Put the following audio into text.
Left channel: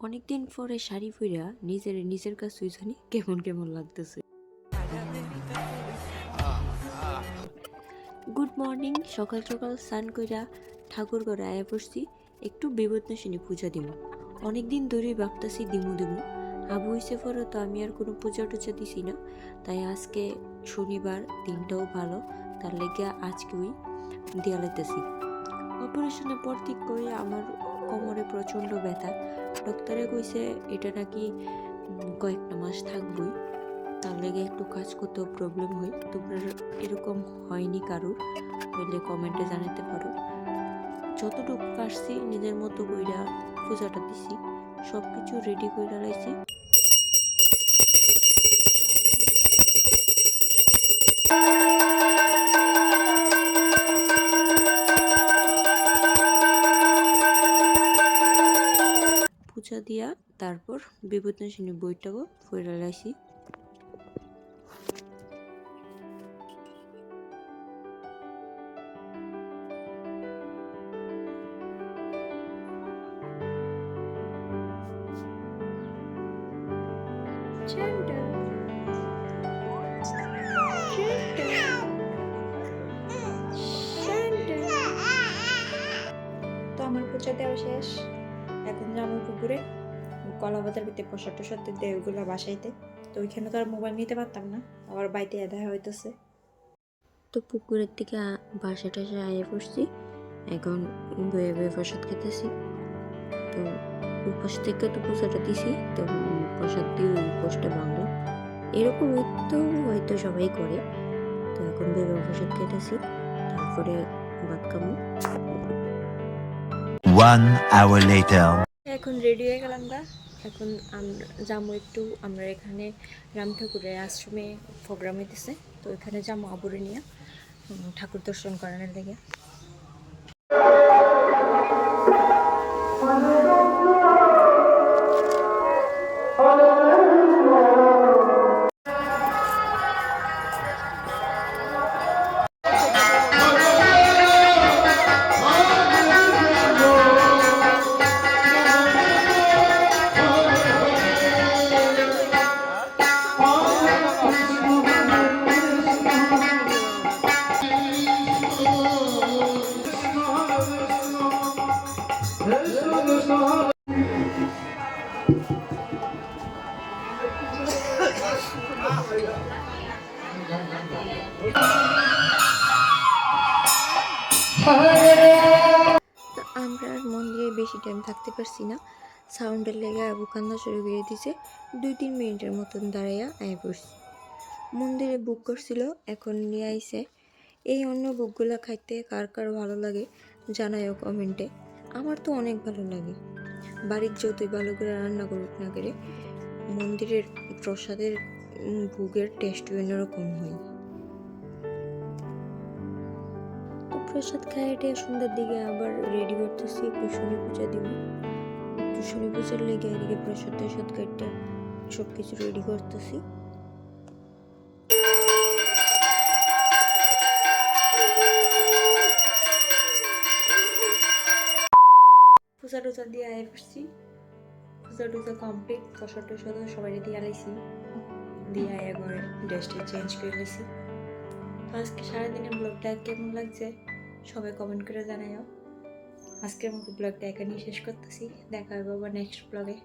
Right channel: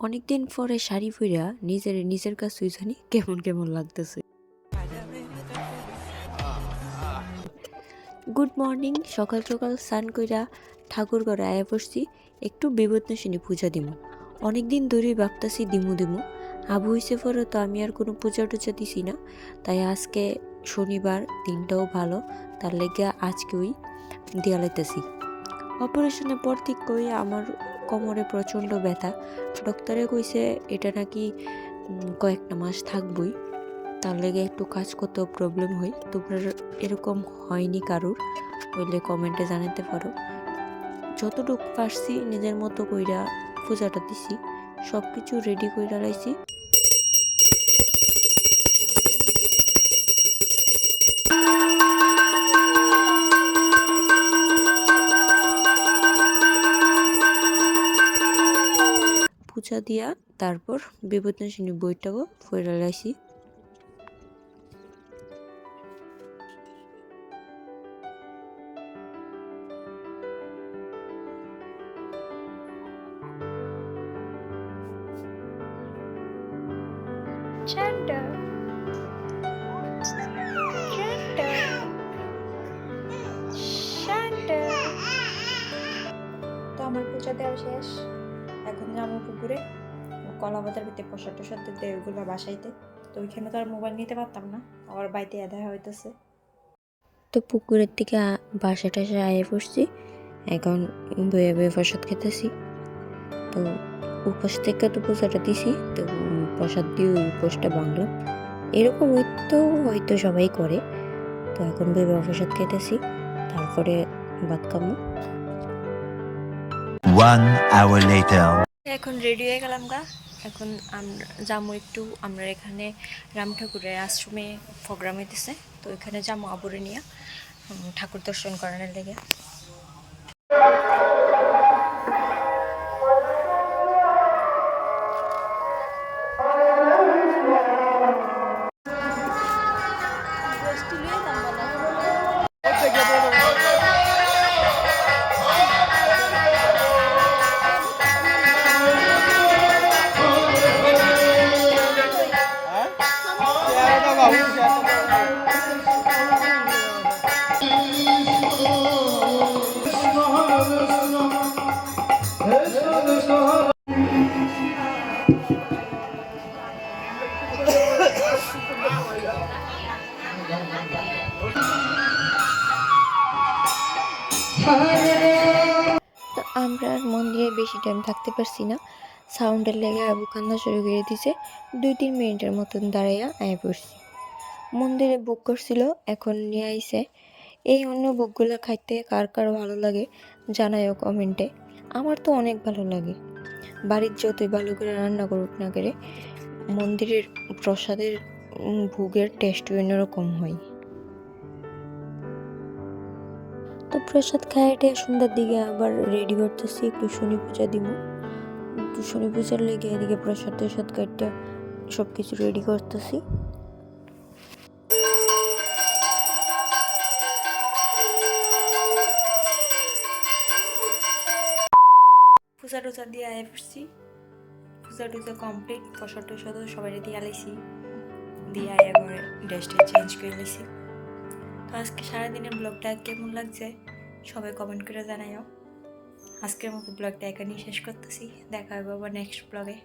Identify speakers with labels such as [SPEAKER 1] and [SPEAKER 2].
[SPEAKER 1] অনেকদিন পরে শাড়ি পইরা নিজের নিজের কাছে জানি কেমন কেমন লাগতেছে। গুড মর্নিং সকাল সকাল স্নান কইরা ঠাকুর ঘরে আয়া পড়ছি। একটু বিপদনাশিনী পূজা দিমু। অনেকদিন ধরেই ভাবতাছি দিমু দিমু। আবু হইছে পরে তো আমি আর কোনো পূজা টুজা দিছি না। তাই আজকে শনিবার, দিনটাও ভালো। তার লেগে আজকে ওই লাইতেছি। অপারেশনের পর ঠিক করে আমার কোমরে প্রচণ্ড ব্যথা। ডক্টরে কইছে, এটা নাকি কয়েকটা মাস থাকবই। তার লেগে একটু কাজ করতেও প্রবলেম হয়। তোমরা এরকম হয়নি কারোর, হইলে কমেন্টে জানাতে পারো। যতটুকু পারছি, নিজের মতো কইরা পূজাটা দিছি। সব কিছু রেডি কইরা লাইছি। পূজা দিয়া তারপর বিপদনাশিনী বইটাও
[SPEAKER 2] Chanda. Chanda. Chanda. তো আমার পূজা দেওয়া শেষ এখন যাব পুকুরে কলা বাজার ভিতরে প্রসাদ টসাদ দেয় ওইগুলো বাসাইতে। তো ওইখানে তো আর মোবাইল নিতে পারতাম না, আবার বাড়িতে এদা হইতেছে।
[SPEAKER 1] তো পুকুরের থেকে বাসা টাসা আয়ে পড়ছি, এখন বয়ে বয়ে প্রসাদ খেতেছি। তো উপাস থেকে তো পূজাটা দিছি, তো প্রসাদ দিয়ে উপোসটা ভাঙলাম এরকম হয়তো হয়তো সবাই করে। তো এখন বয়ে প্রসাদ খেতেছি, তারপরে ভাত খাব।
[SPEAKER 3] One hour later.
[SPEAKER 2] এখন রেডি হয়ে গেলাম গা এখন আমরা যাব একটু, আমরা এখানে রাম ঠাকুরের আশ্রমে প্রোগ্রাম হইতেছে, তো এখানে যাব আবুরে নিয়ে ঠাকুর দর্শন করানোর লেগে
[SPEAKER 1] আমরা আর মন্দিরে বেশি টাইম থাকতে পারছি না। সাউন্ডের লেগে আবু কান্না শুরু করে দিছে। দুই তিন মিনিটের মতন দাঁড়াইয়া আয় পড়ছি। মন্দিরে বুক করছিল, এখন নিয়ে আইছে। এই অন্য বুকগুলো খাইতে কার কার ভালো লাগে জানায়ও কমেন্টে আমার তো অনেক ভালো লাগে। বাড়ির যতই ভালো করে রান্না করুক না করে মন্দিরের প্রসাদের ভোগের টেস্ট অন্যরকম হয়। তো প্রসাদ খায় এটা সন্ধ্যার দিকে, আবার রেডি করতেছি একটু শনি পূজা দিব। শনি পূজার লেগে এদিকে প্রসাদ টসাদ কাটটা সব কিছু রেডি করতেছি।
[SPEAKER 2] পূজা টুসা দিয়ে আয় পড়ছি পূজা টুজা কমপ্লিট ফসল টুসা তো সবাই দিয়ে আলাইছি। দিয়ে আয় ঘরে ড্রেসটা চেঞ্জ করে নিয়েছি তো আজকে সারাদিনের ব্লগটা কেমন লাগছে? সবাই কমেন্ট করে জানাইও আজকের মতো ব্লগটা এখানেই শেষ করতেছি। দেখা হবে আবার নেক্সট ব্লগে